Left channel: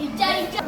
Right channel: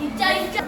입자 입자.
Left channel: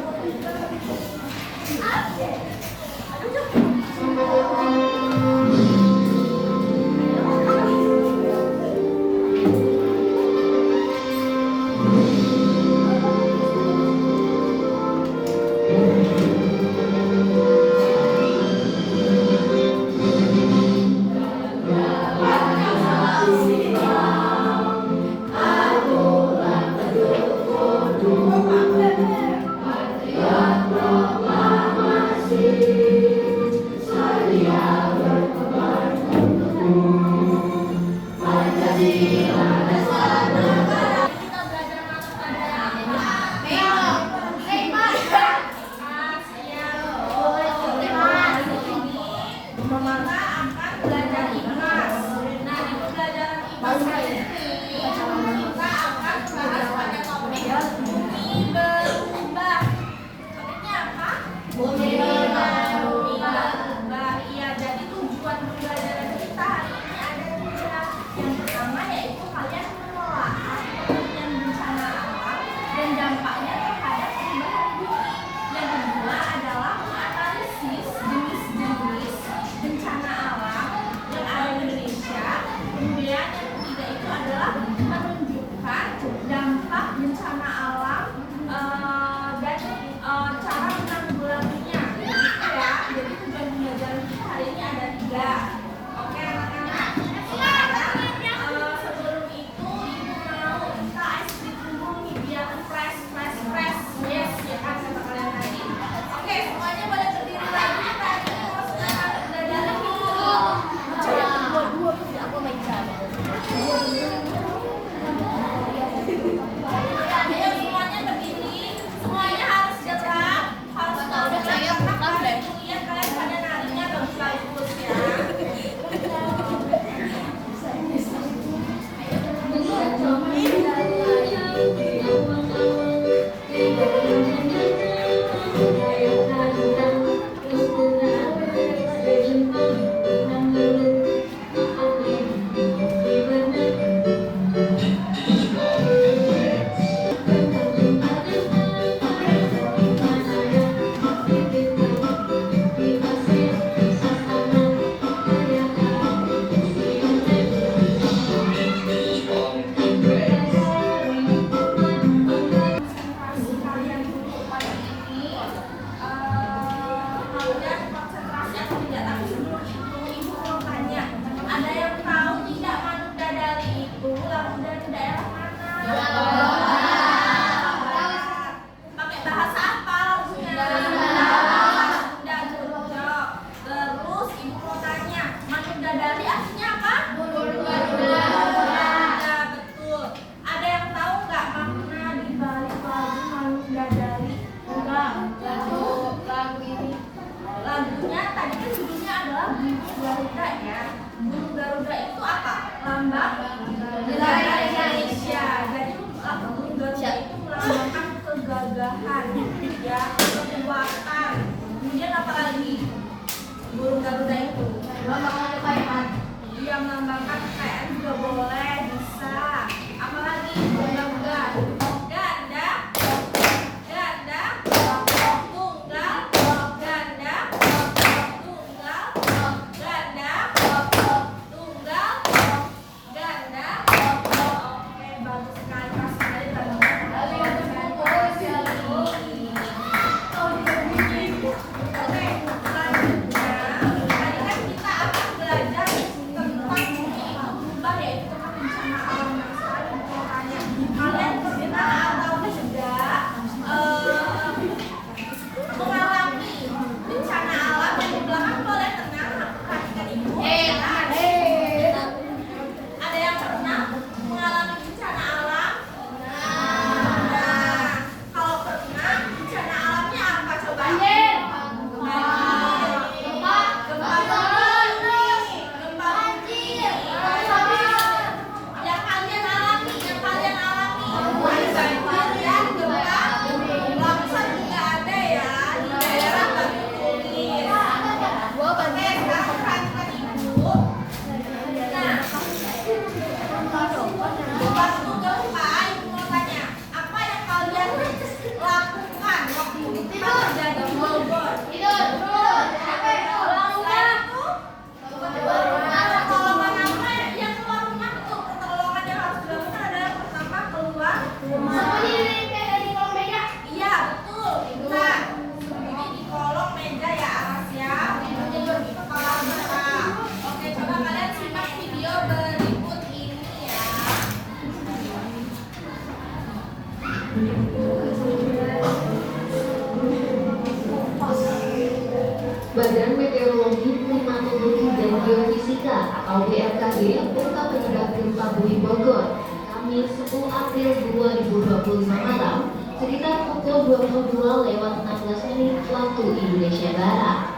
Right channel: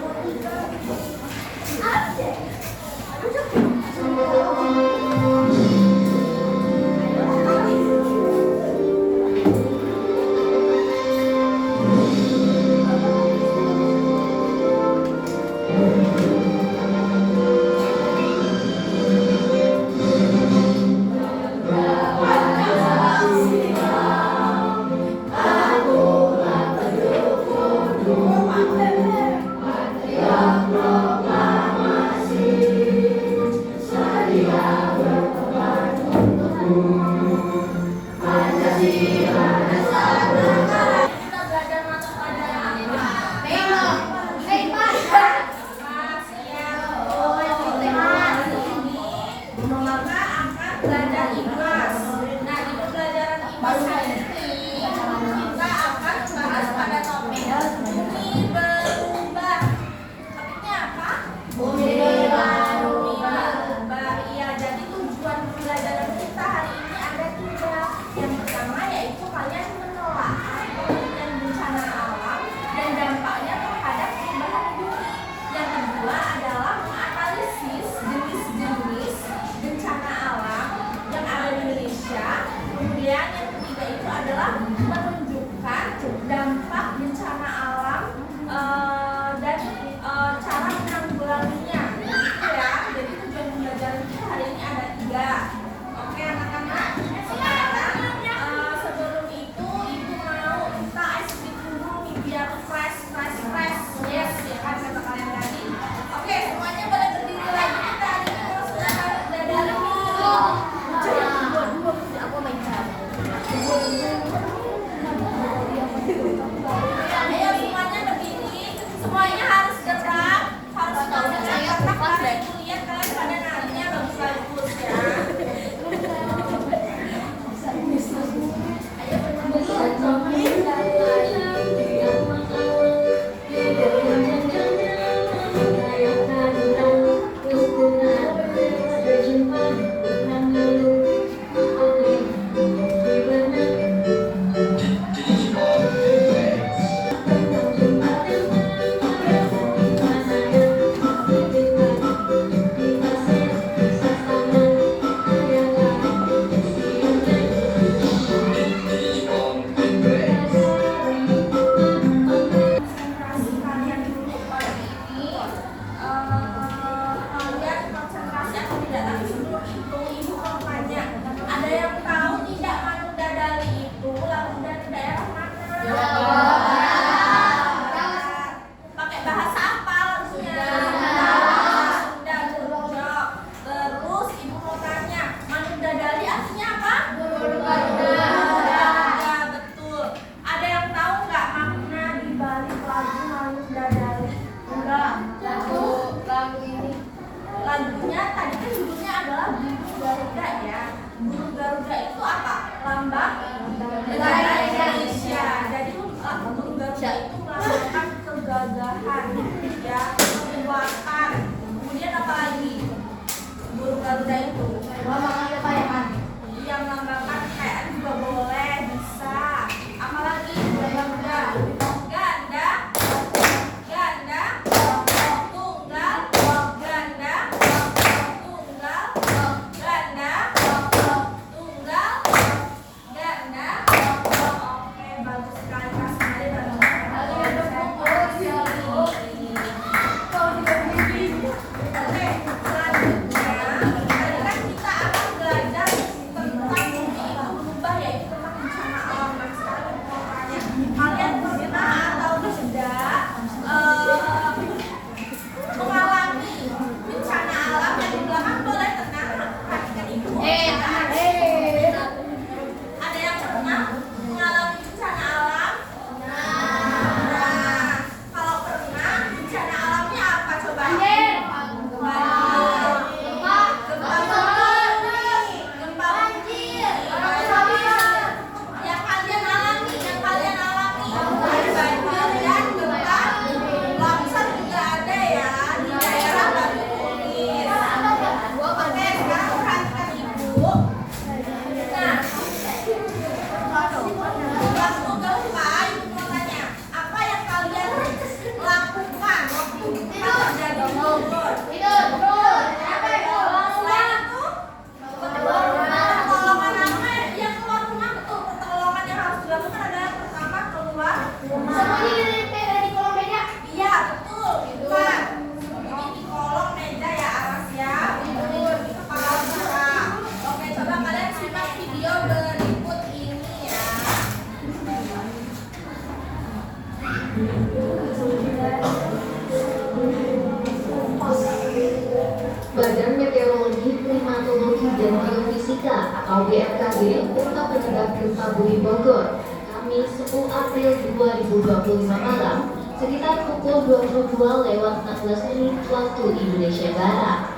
Badan Meteorologi, Klimatologi, dan Geofisika atau BMKG Kota Penyangga Gempa Bumi Bogor, Kamis 10 April 2025 malam, sekitar pukul 22:16 waktu Indonesia Barat.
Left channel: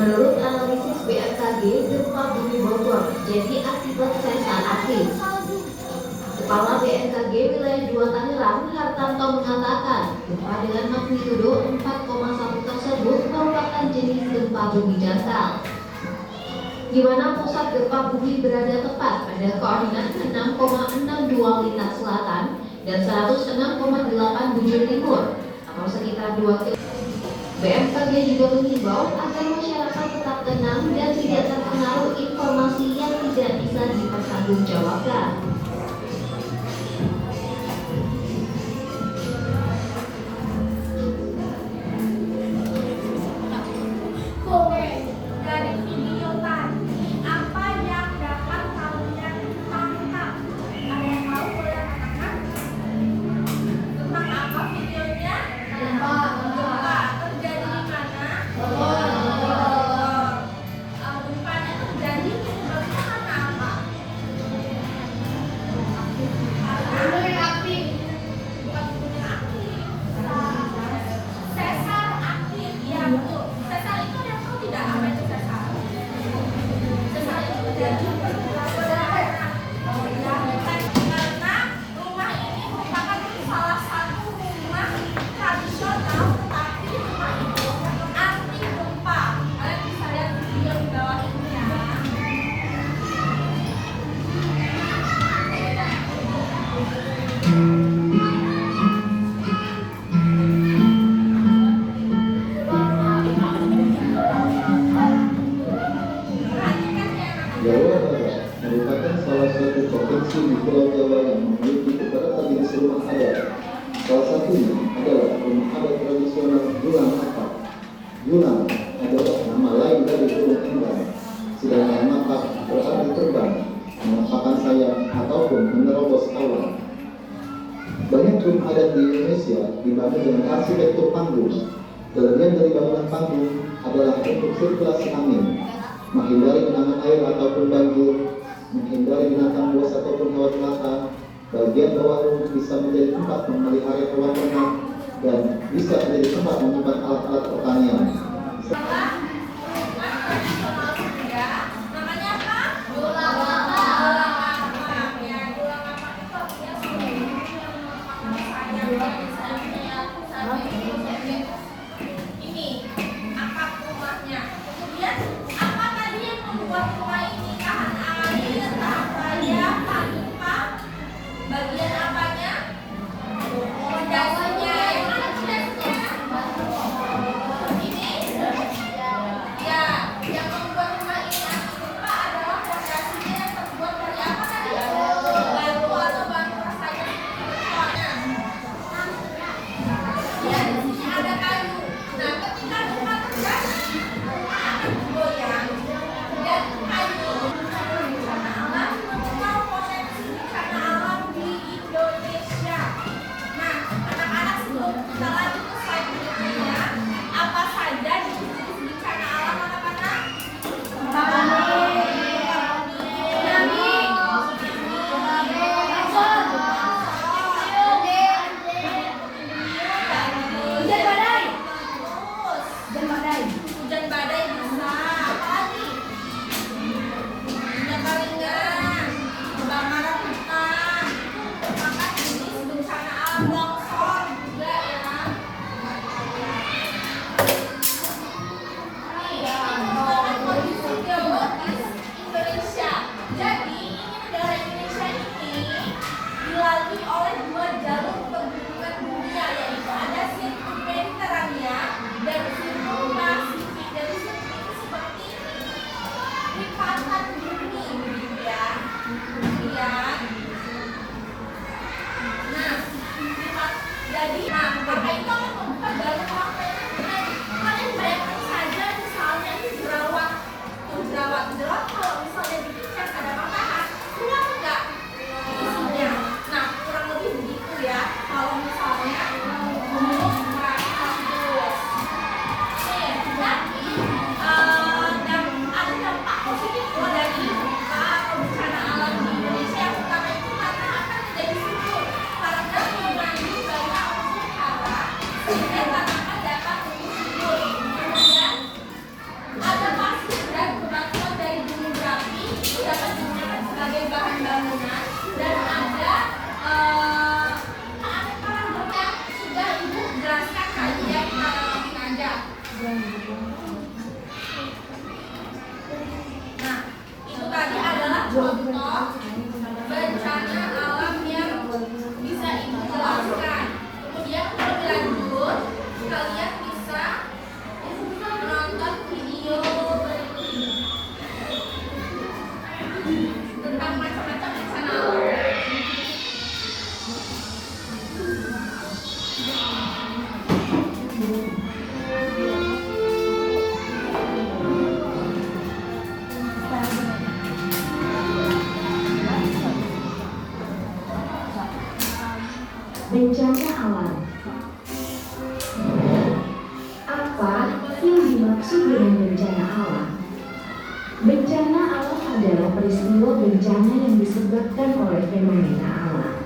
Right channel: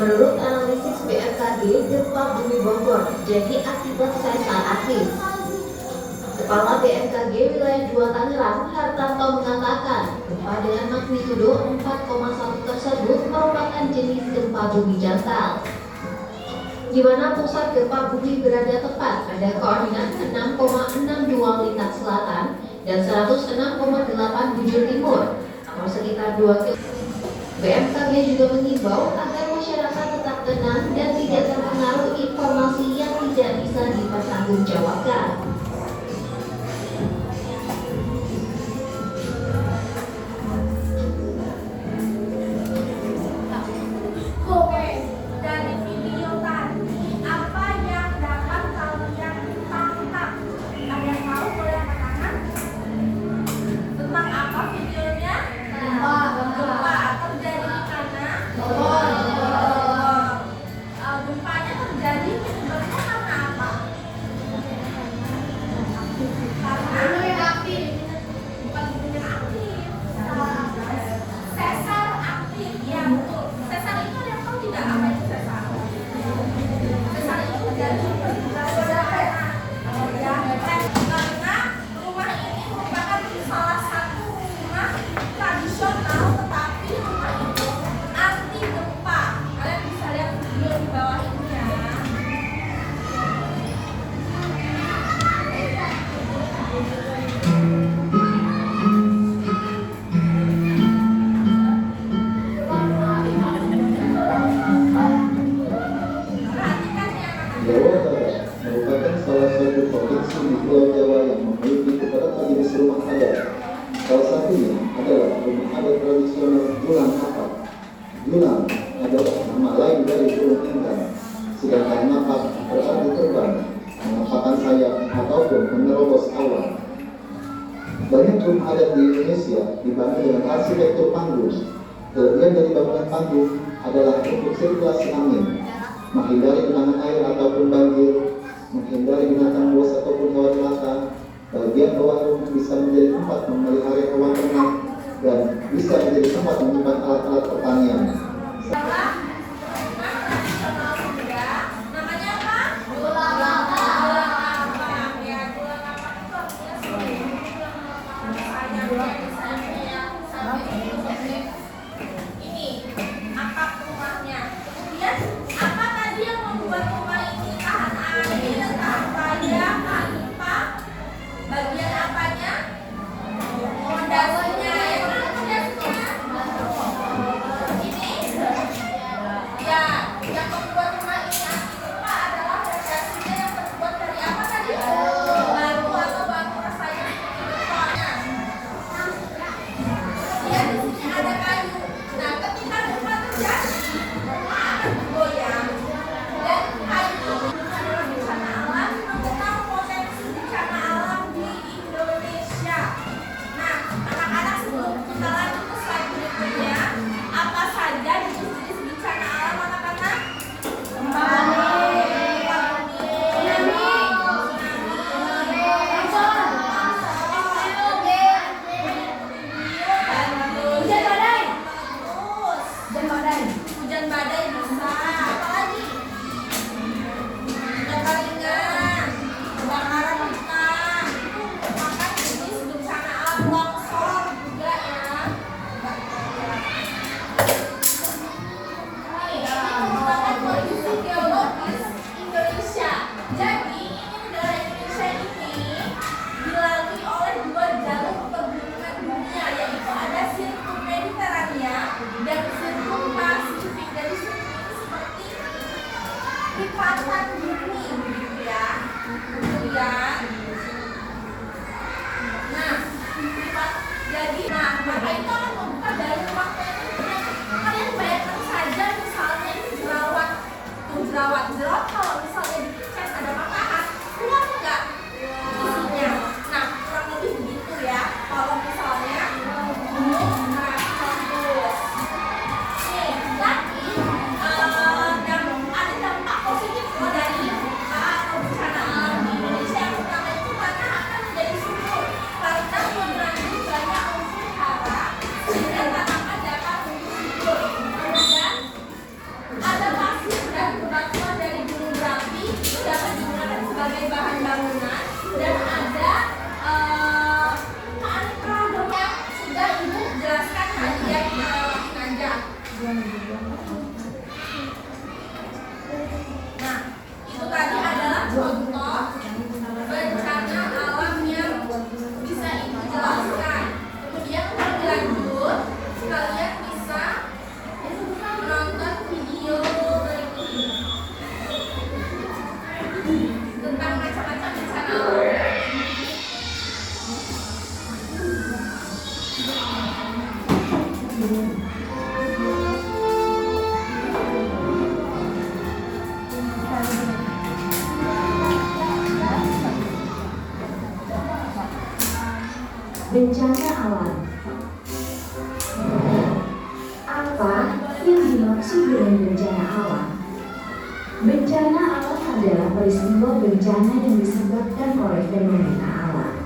Menurut analisis BMKG, gempa bumi Bogor terjadi akibat sesar aktif. Kepala BMKG Wilayah 2 Tangerang, Hartanto mengatakan, gempa dengan magnitudo 4,1 tersebut merupakan jenis gempa bumi dangkal, di mana pusat gempa bumi berada tepat pada koordinat 6,62 lintas selatan dan 106,8 bujur timur, atau sekitar 2 km. BMKG juga mengimbau agar masyarakat tetap tenang dan tidak terpengaruh informasi yang tidak bisa dipertanggungjawabkan. Jawa Barat merupakan salah satu provinsi di Pulau Jawa yang memiliki beberapa jenis rumah adat. Salah satunya adalah rumah adat tradisional Julang Apak. Julang adalah nama lain dari burung enggang, sedangkan Apak berarti terbang, mengepakkan sayap ataupun menerobos awan. Banyak rumah adat di Indonesia dibangun dengan arsitektur panggung. Kelebihan dari bangunan panggung adalah untuk sirkulasi angin, menghindari genangan air ataupun banjir, menghindari binatang buas ataupun hewan melata. Bagian bawah bisa menjadi tempat memelihara hewan ternak dan bisa menjadi tempat menyimpan alat-alat pertanian. Apa itu akan membuka jalan waktu kalian bayangkan saja misalnya itu jerawat kalau misalnya dicek ada patahan keluar nggak isinya. Nah kurang lebih begitu ya kalau misalnya kampus tapi dan ada dampak positif dari atau bencana alam di Indonesia yang pertama itu karena akan menjadi subur karena mengandung banyak unsur hara sehingga tanaman dapat tumbuh subur. Kemudian ada pasir dan bebatuan dari gunung berapi itu dapat digunakan sebagai bahan bangunan dan ada keanekaragaman yang sudah ibu jelaskan tadi ya, kita lewatin aja. Nah, itu tadi adalah contoh bencana alam yang bisa ibu jelaskan. Kemudian untuk lebih lanjut, kalian bisa menonton video berikut ini tentang macam-macam bencana alam. Bencana alam. Apa yang dimaksud dengan bencana alam? Bencana alam adalah peristiwa bencana yang disebabkan oleh fenomena alam.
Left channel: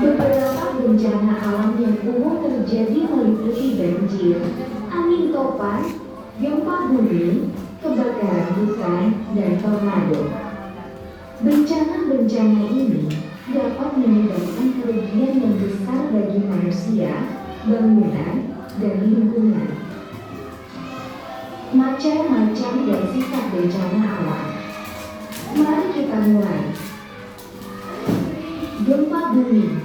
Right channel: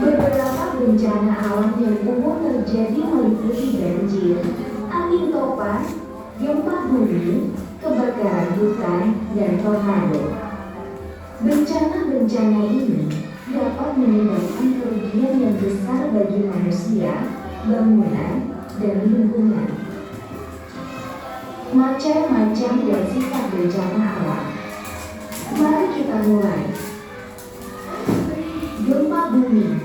Beberapa bencana alam yang umum terjadi meliputi banjir, angin topan, gempa bumi, kebakaran hutan, dan tornado. Bencana-bencana ini dapat menyebabkan kerugian yang besar bagi manusia, bangunan, dan lingkungan. Macam-macam dan sifat bencana alam. Mari kita mulai. Gempa bumi.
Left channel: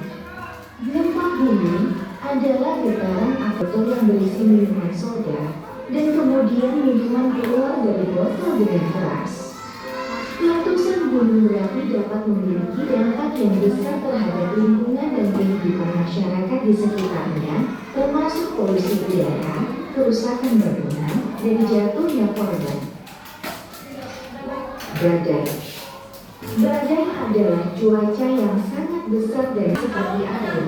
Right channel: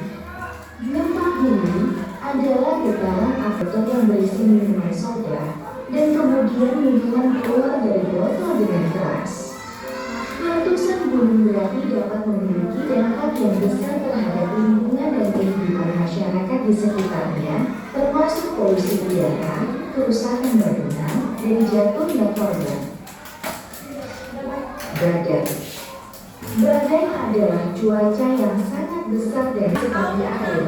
Gempa bumi adalah getaran atau yang berisi minuman soda dan kemudian minuman keluar dari botol dengan keras. Letusan gunung berapi dapat memiliki dampak yang besar terhadap lingkungan dan kehidupan masyarakat di sekitarnya, termasuk polusi udara, kerusakan bangunan, dan jatuhnya korban. Badai. Badai adalah cuaca yang sangat besar dan seperti air,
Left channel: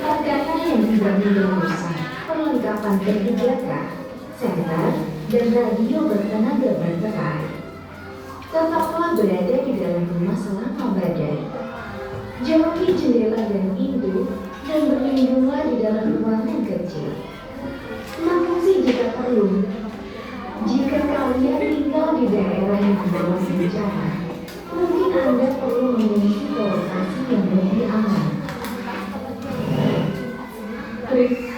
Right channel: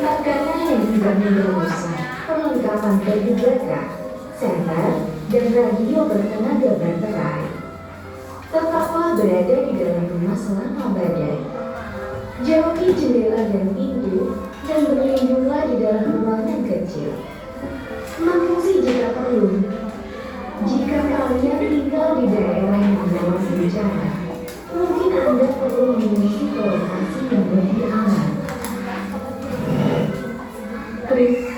makanan yang tidak merusak, perlengkapan P3K, senter, dan radio bertenaga baterai. Tetaplah berada di dalam rumah selama badai. Jauhi jendela dan pintu dan berlindunglah di dalam ruangan kecil. Mengungsi jika perlu. Jika kalian tinggal di daerah yang rawan bencana, mungkin Anda perlu mengungsi ke lokasi yang lebih aman. Chris.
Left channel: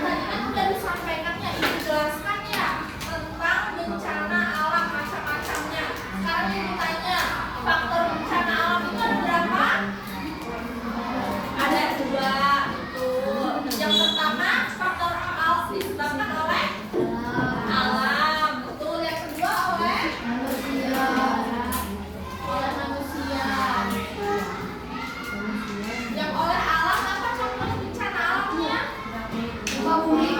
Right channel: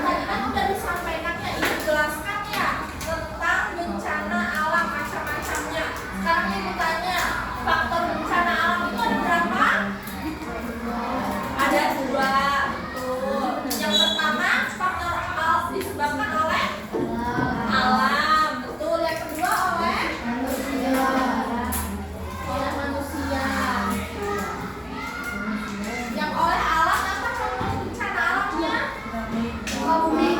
Tadi kan udah disampaikan ya, ibu jelaskan ya tentang bencana alam macam-macamnya. Sekarang ibu tanya, faktor bencana alam itu ada berapa? Ada 2, betul. Yang pertama, faktor alam disebabkan oleh alam, betul. Yang kedua oleh manusia. Yang oleh alam apa contoh bencana alamnya? Tsunami.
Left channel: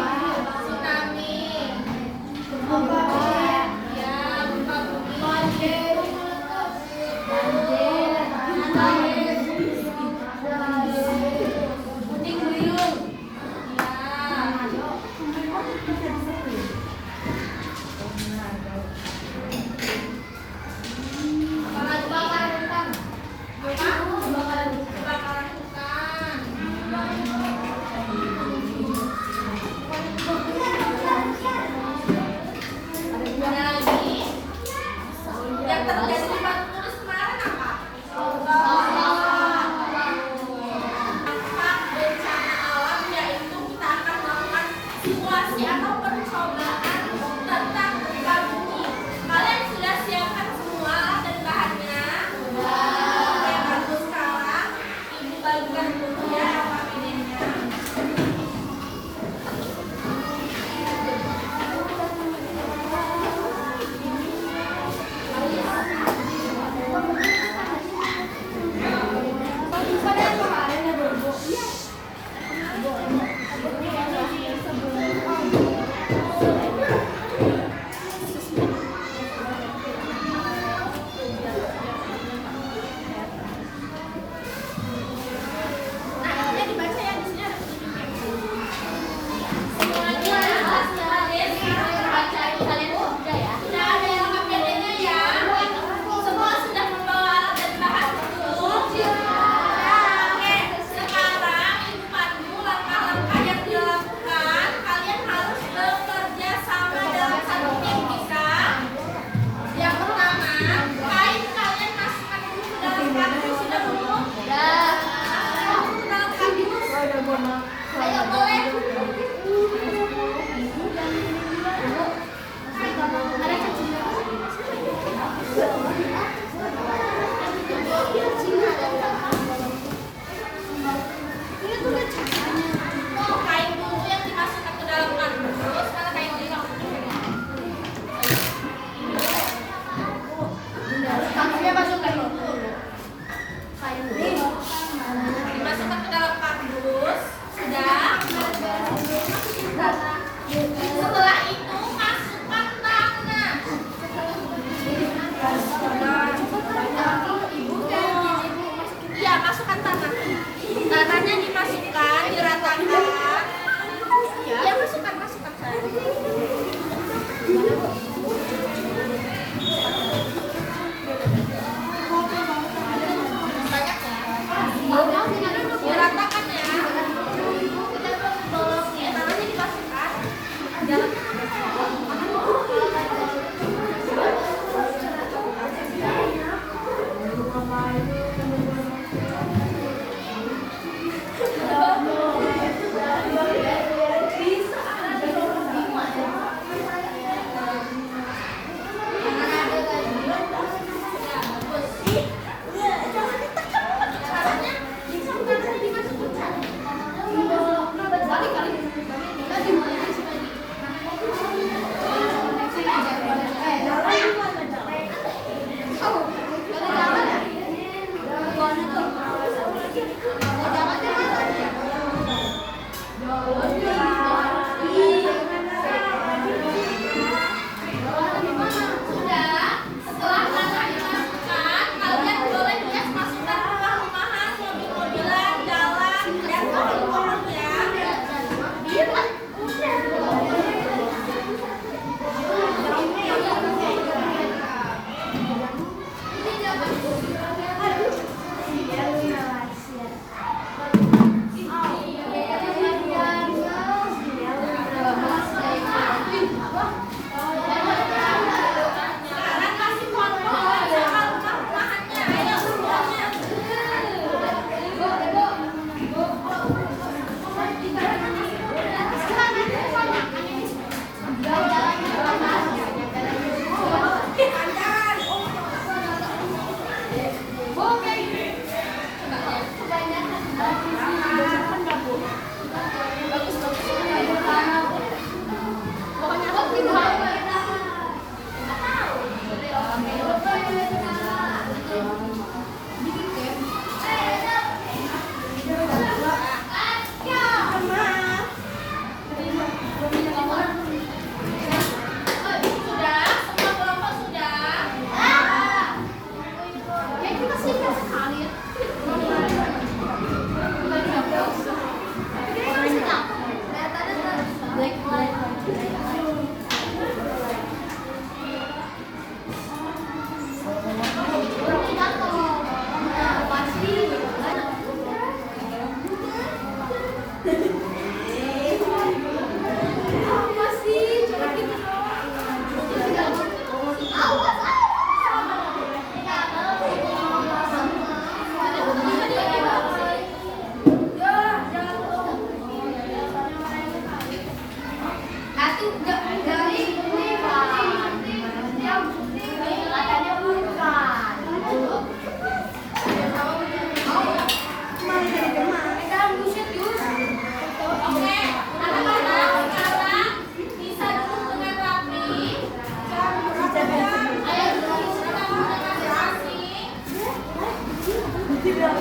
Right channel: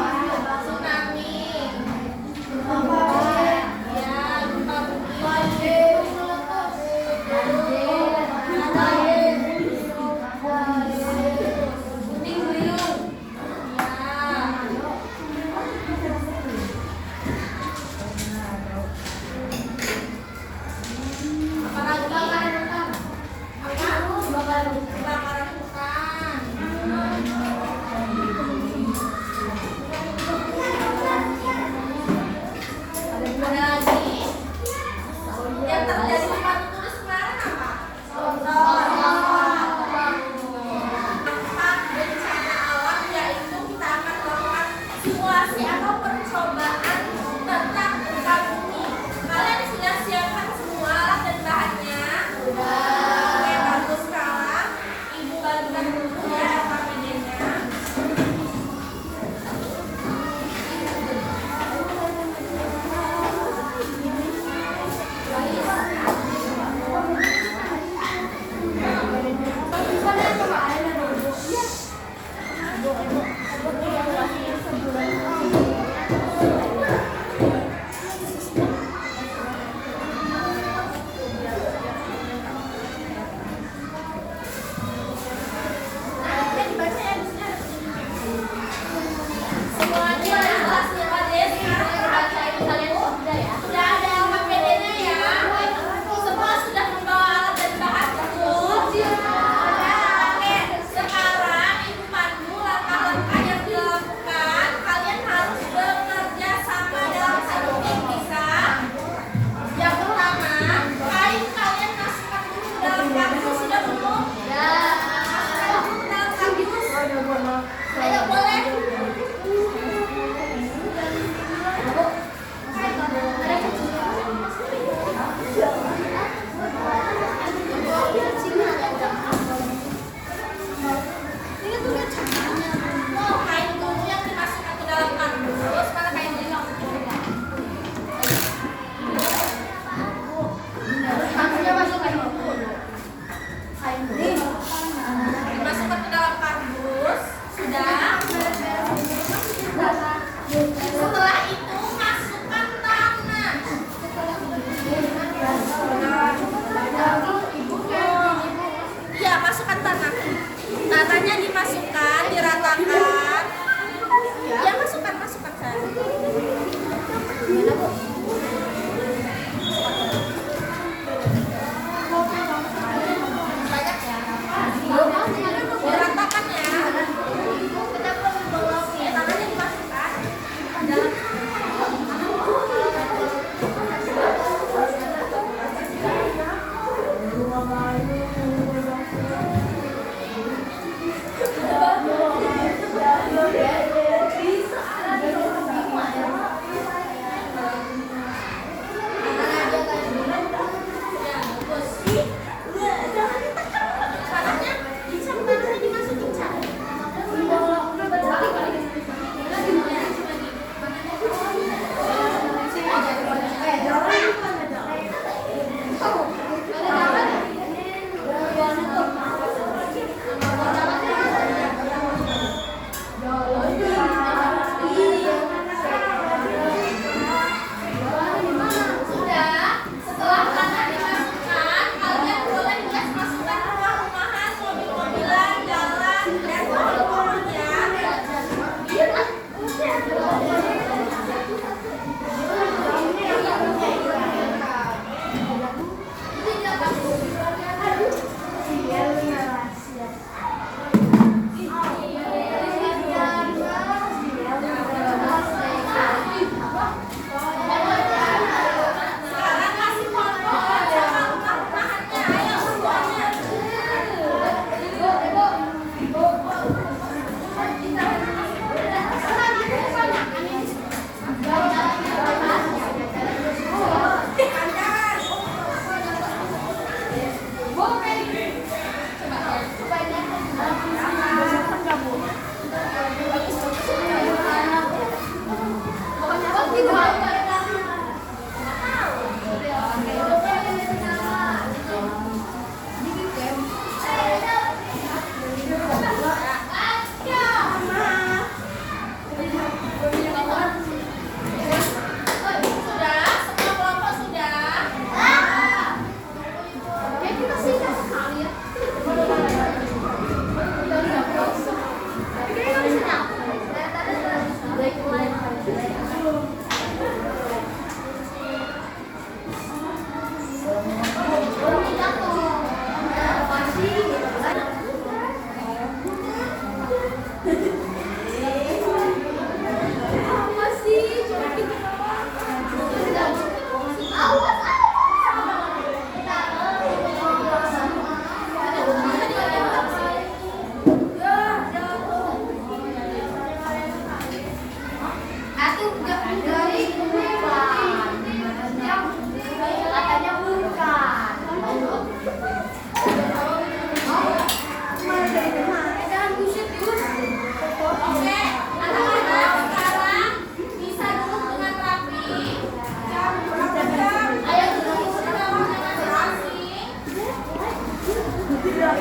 Ya, gempa bumi. Banjir. Puting beliung. Apalagi kebakaran hutan. Kebakaran hutan. Ada lagi yang terjadi di Batu Tulis kemarin apa? Dampak bencana alam yaitu kita akan melakukan simulasi atau percobaan tentang gempa bumi. Kalian sudah siapkan semua alat dan bahannya? Oke, bagus. Sekarang ibu bagikan dulu ya RKPD-nya.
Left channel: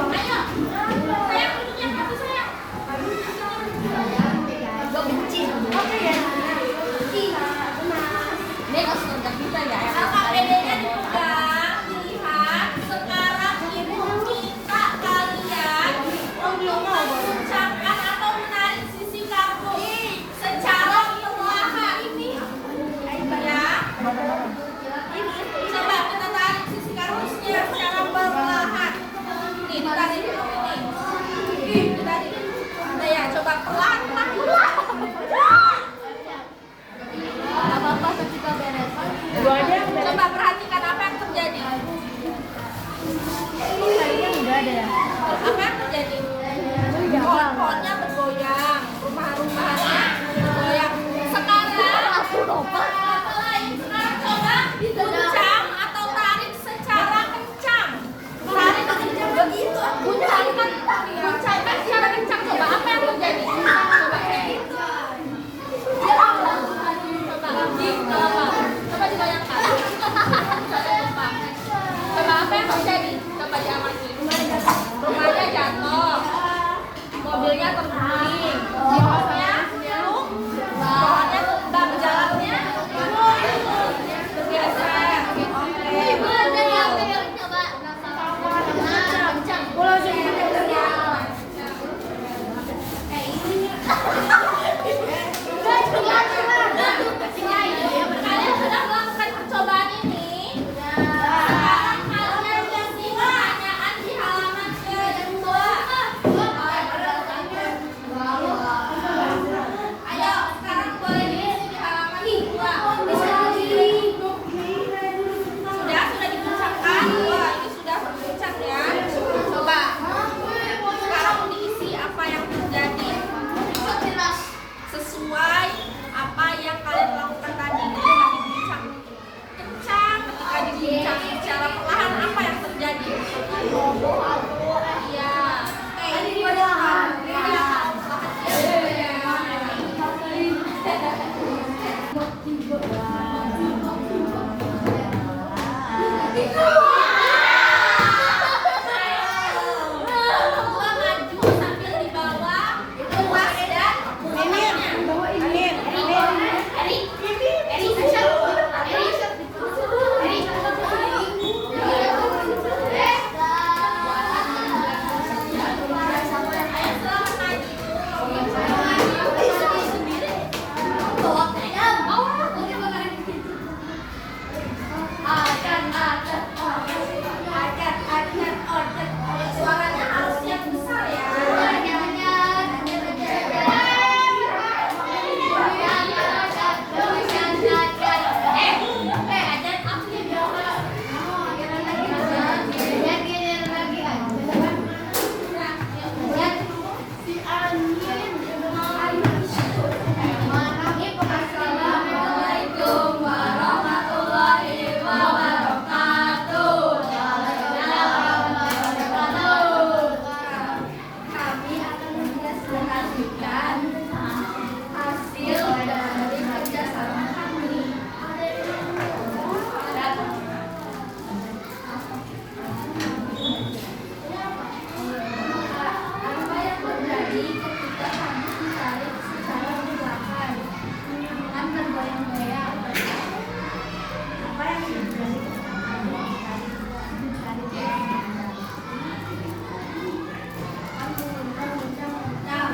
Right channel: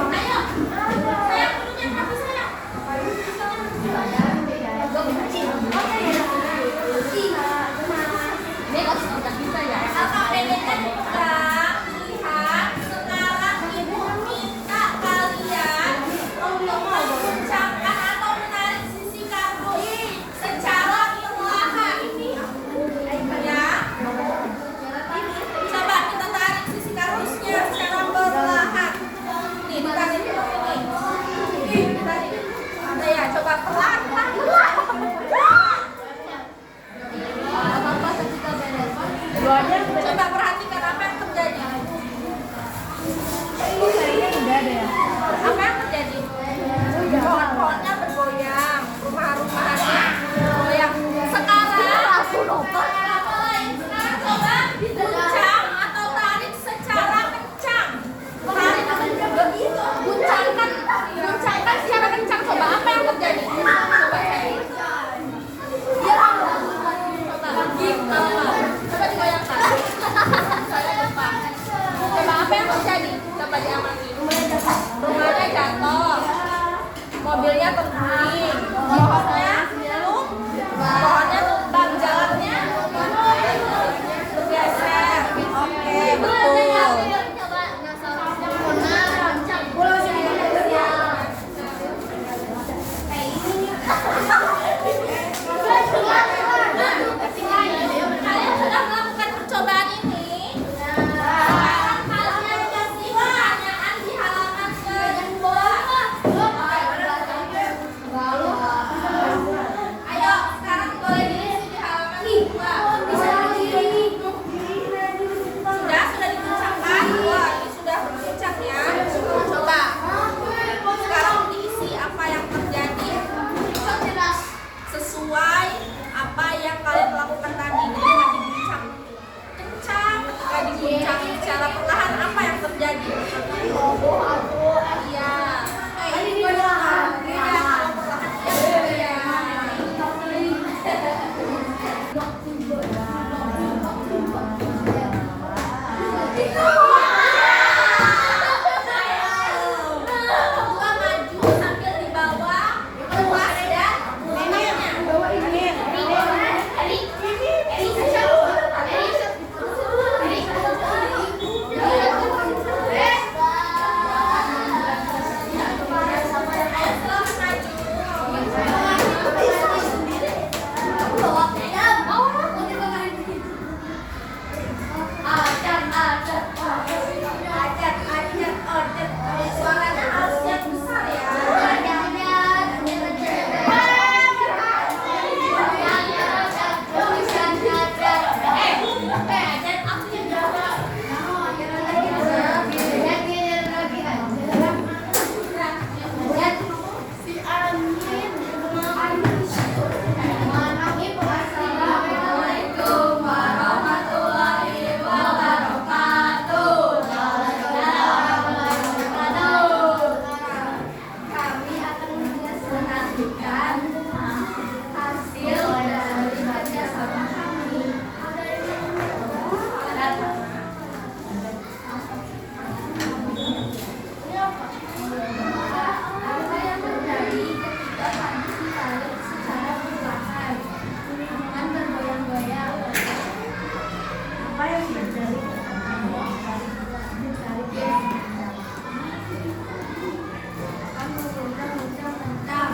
Ayo, saya duduknya rapi saya. lakukan tadi dengan diguncang. Kencang, ketika diguncang secara perlahan apa yang terjadi? Roboh atau iya. Ini perlahan. Iya, kalau perlahan. Iya. Gua maju sambil di bawah, lepas dan mulainya. Suaranya harus yang besar ya. Dan aku Assalamualaikum warahmatullahi wabarakatuh. Kami akan mempresentasikan hasil dari kerjasama kami. Apa yang terjadi ketika kami ditarik secara perlahan dengan bergoyang-goyang? Apa yang terjadi ketika kami ditarik goyang-goyang? Akan mengundang hujan mentah.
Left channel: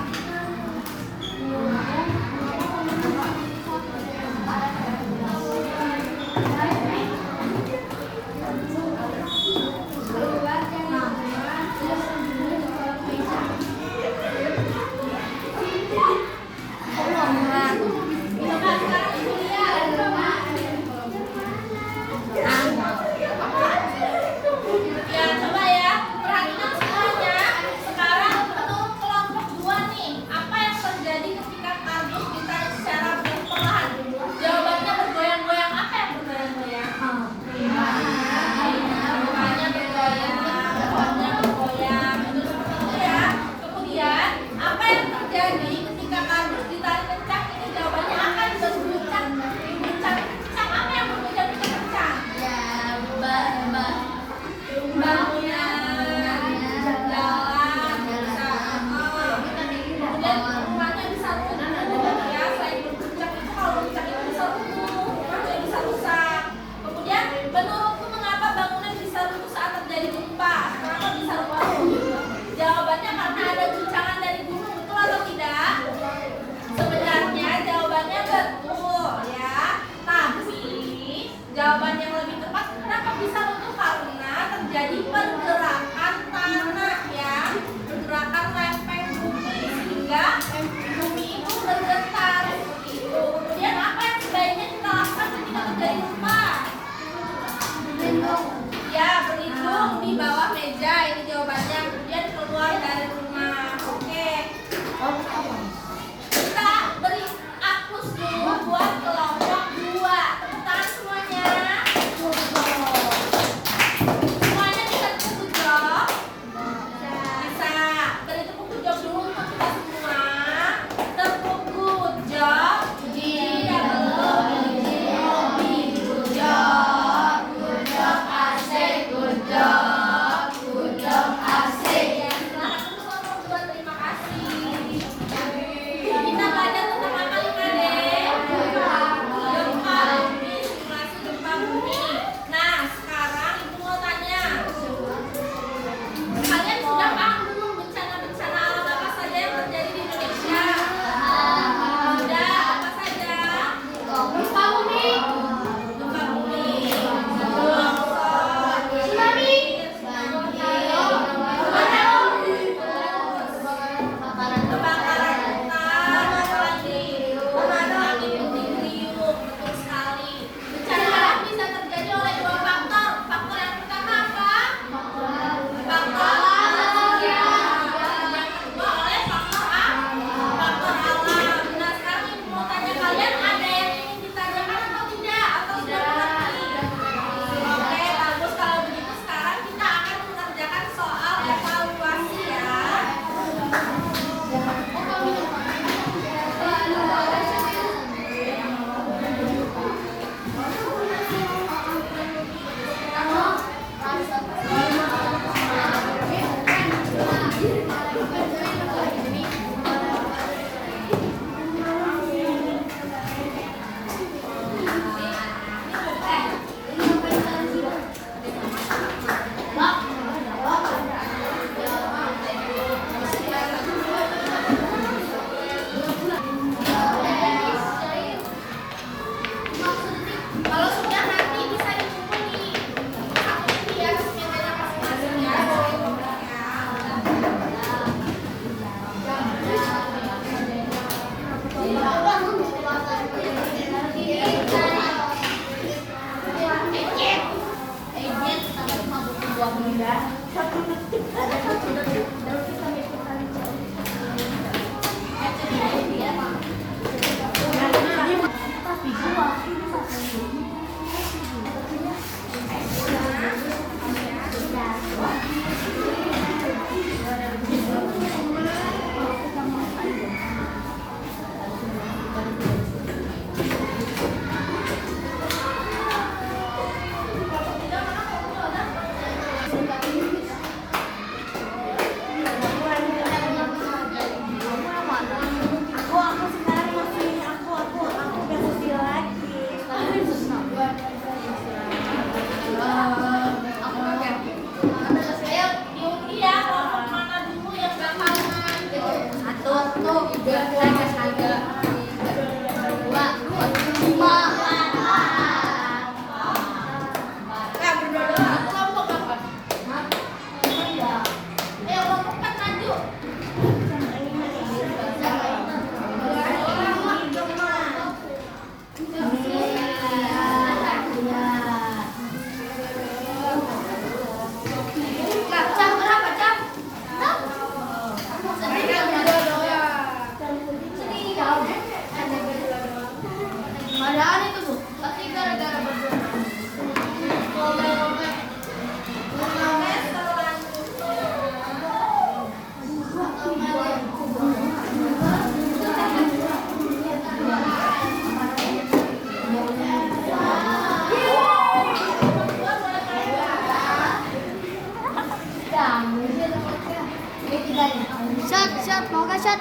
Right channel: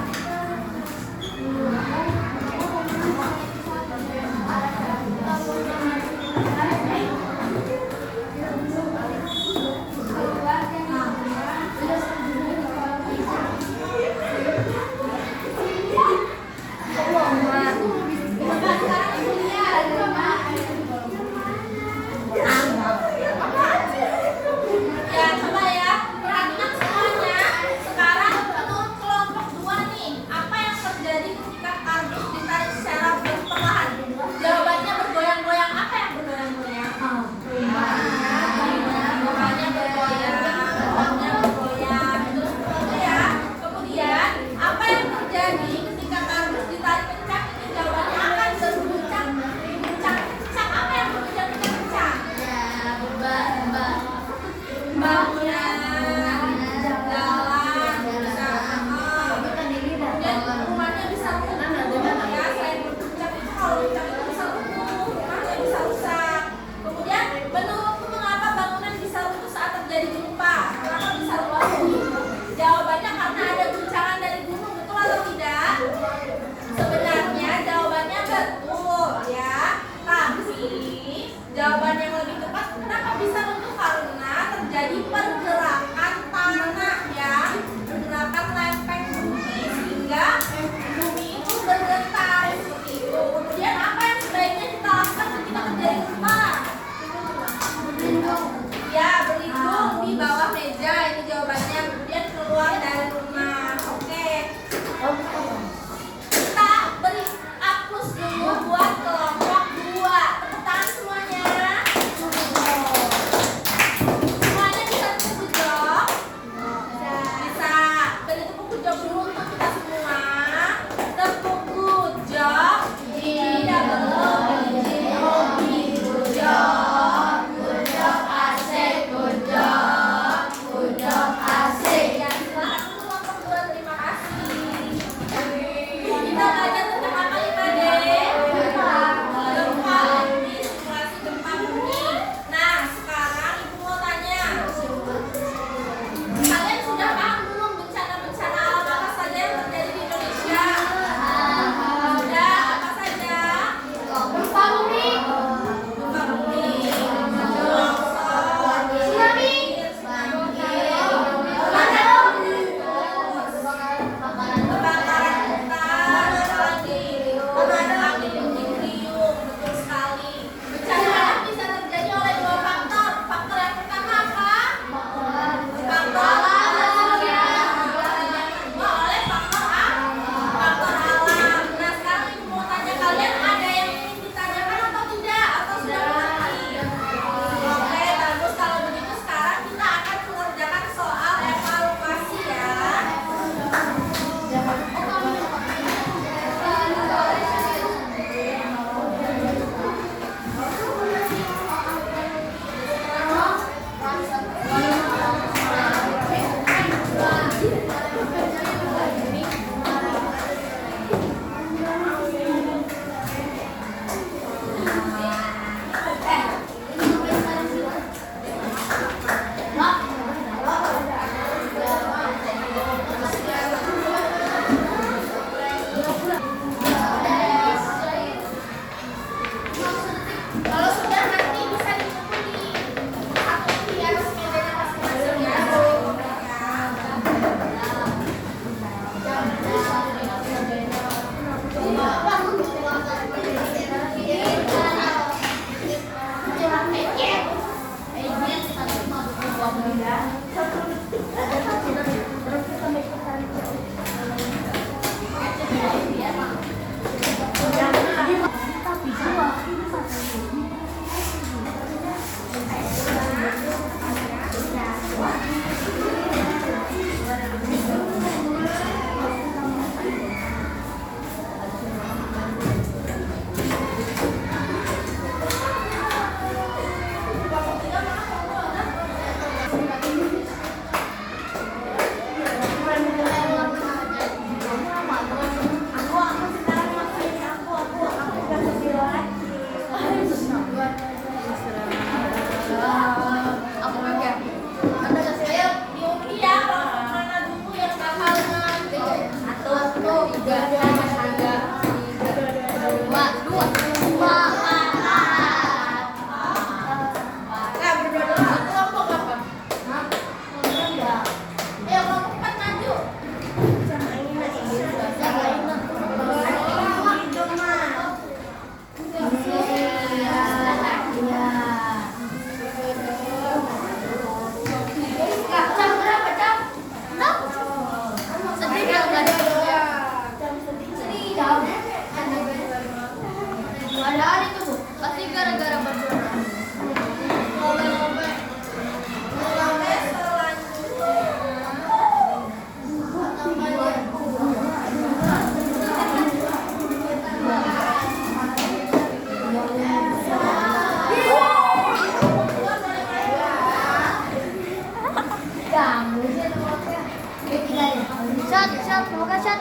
Kalau sudah nanti bisa dikumpul di satu di atas mejanya masing-masing ya. Ayo diundi ya, kelompok mana dulu yang bakalan satu, tiga, dua. Nah, berdua kelompok apa? Ayo kelompok 4 maju. Jam berapa jam? Sedih jam. Ada itu Bu, pasti gara-gara berdua. Ngomel-ngomel. Shot, mau ke shot.